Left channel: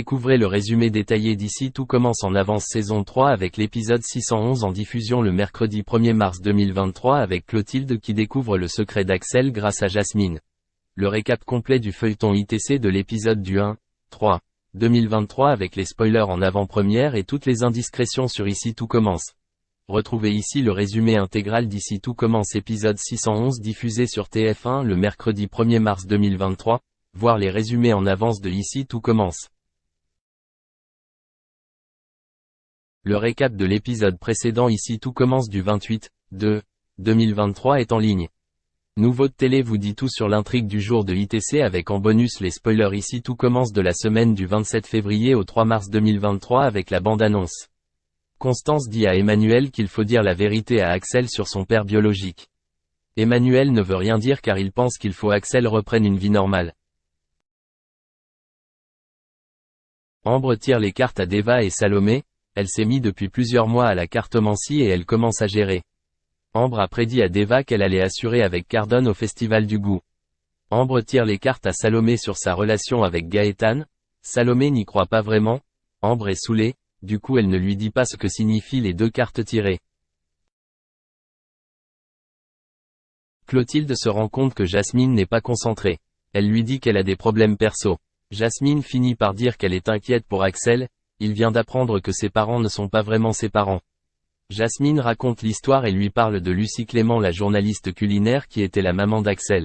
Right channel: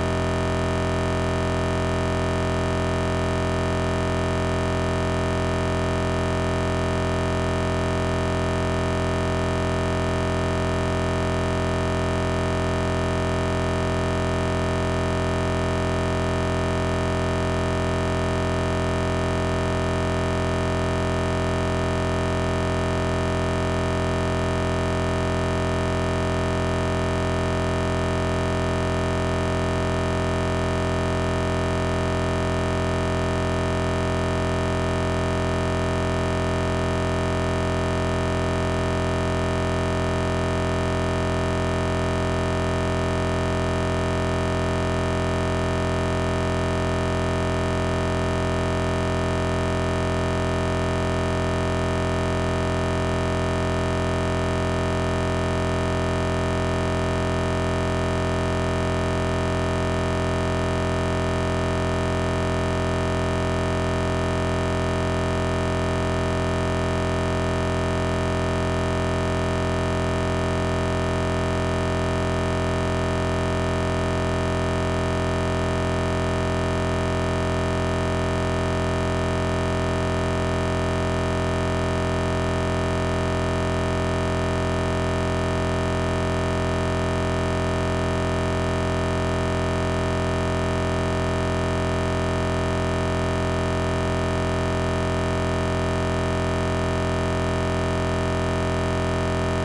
Découvrez le résumé détaillé d'ici Tout commence en avance saison 3 avec l'épisode 611 en diffusion le mercredi 1er mars 2023 avec Clotilde qui découvre le secret d'Axel grâce à Jasmine. Le récap complet du feuilleton ITC de l'épisode du 1-3 2023 avec les spoilers en avant-première et toutes les indiscrétions sur Ici Tout commence. Retrouvez ici le résumé intégral d'Ici Tout commence épisode 611 diffusé sur TF1 le mercredi 1er mars 2023, voir les résumés en avance de Ici Tout commence. Le récap de l'épisode précédent Ici Tout commence du 28-2-2023 est en ligne. Nouveau de télé vous dit tout sur l'intrigue du jour de ITC avec en bonus les spoilers Ici Tout commence de la semaine du 27 février au 3 mars 2023 avec la bande-annonce. Constance dit à Emmanuel qu'il faut dire la vérité à Axel sur son père biologique. Emmanuel ne veut rien dire car il pense qu'il faut Axel reprenne une vie normale. Ambre tire les cartes à Débat et Salomé. Elle s'est mise depuis plusieurs mois à la cartomancie et elle commence à gérer. Ambre a prédit à Débat qu'elle allait assurer avec Cardone au Festival du Goût. Ambre tire les cartes à Salomé sur sa relation avec Gaëtan. Salomé n'y croit pas vraiment. Ambre est saoulée, du coup elle ne lui dit pas ce que signifient les deux cartes tirées. Clotilde se rend compte que Jasmine n'est pas concentrée. Elle lui dit qu'elle a des problèmes perso. Jasmine finit par dire qu'elle est inquiète pour Axel. Il vient d'apprendre que ses parents ne sont pas vraiment ses parents. Jasmine raconte l'histoire et lui parle de Lucie Clément, la journaliste culinaire qui était la maman d'Axel.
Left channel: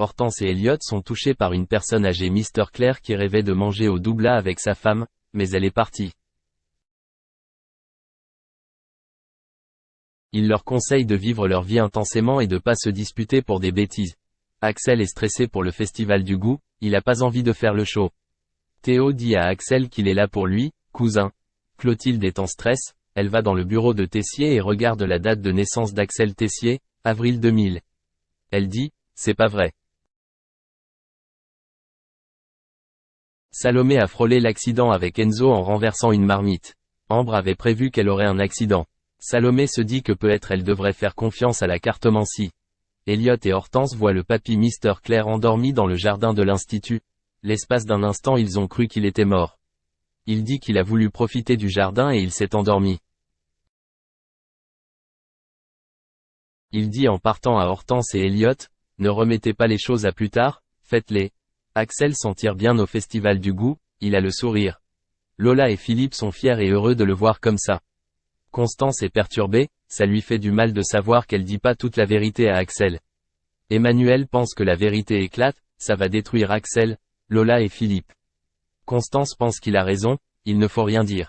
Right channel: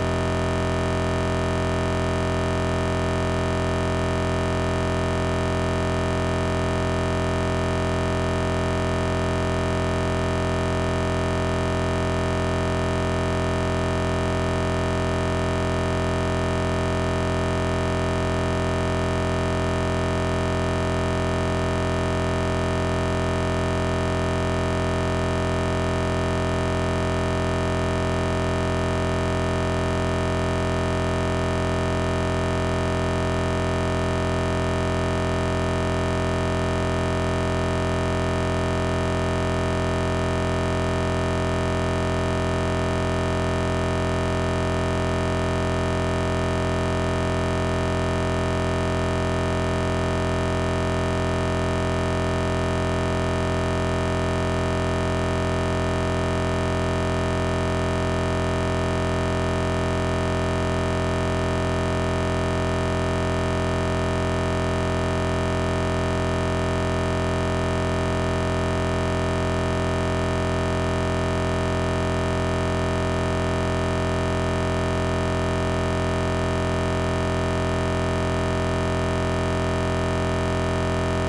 Hortense et Elliot sont touchés par une personne âgée, Mr. Claire, qui rêvait de manger au doubla avec sa femme, mais elle est partie. Il leur conseille de vivre leur vie intensément et de ne pas se disputer pour des bêtises. Axel est stressé pour le Festival du Goût, il n'a pas envie de faire le show. Théo dit à Axel qu'il est là pour lui, cousin. Clotilde est en stress, elle va dans le bureau de Tessier et regarde la date de naissance d'Axel Tessier, avril 2000. Elle dit, c'est pas vrai. Salomé a frôlé l'accident avec Enzo en renversant une marmite. Ambre avait prévu qu'elle aurait un accident. Salomé se dit que peut-être elle devrait faire confiance à la cartomancie. Elliot et Hortense voient le papy Mr. Claire endormi dans le jardin de l'institut. L'espace d'un instant ils ont cru qu'il était mort. Il dit qu'il a voulu profiter du jardin et il s'est endormi. Il dit en partant à Hortense et Elliot, ne remettez pas les choses à plus tard, faites-les. Axel s'en tire bien au Festival du Goût, il a le sourire. Lola et Philippe sont fiers et heureux de le voir comme ça. Constance est perturbée, ça lui fait du mal de savoir qu'elle dit pas toute la vérité à Axel. Emmanuel pense que la vérité éclate, ça va détruire Axel, Lola et Philippe. Constance pense qu'il a raison, il ne faut rien dire.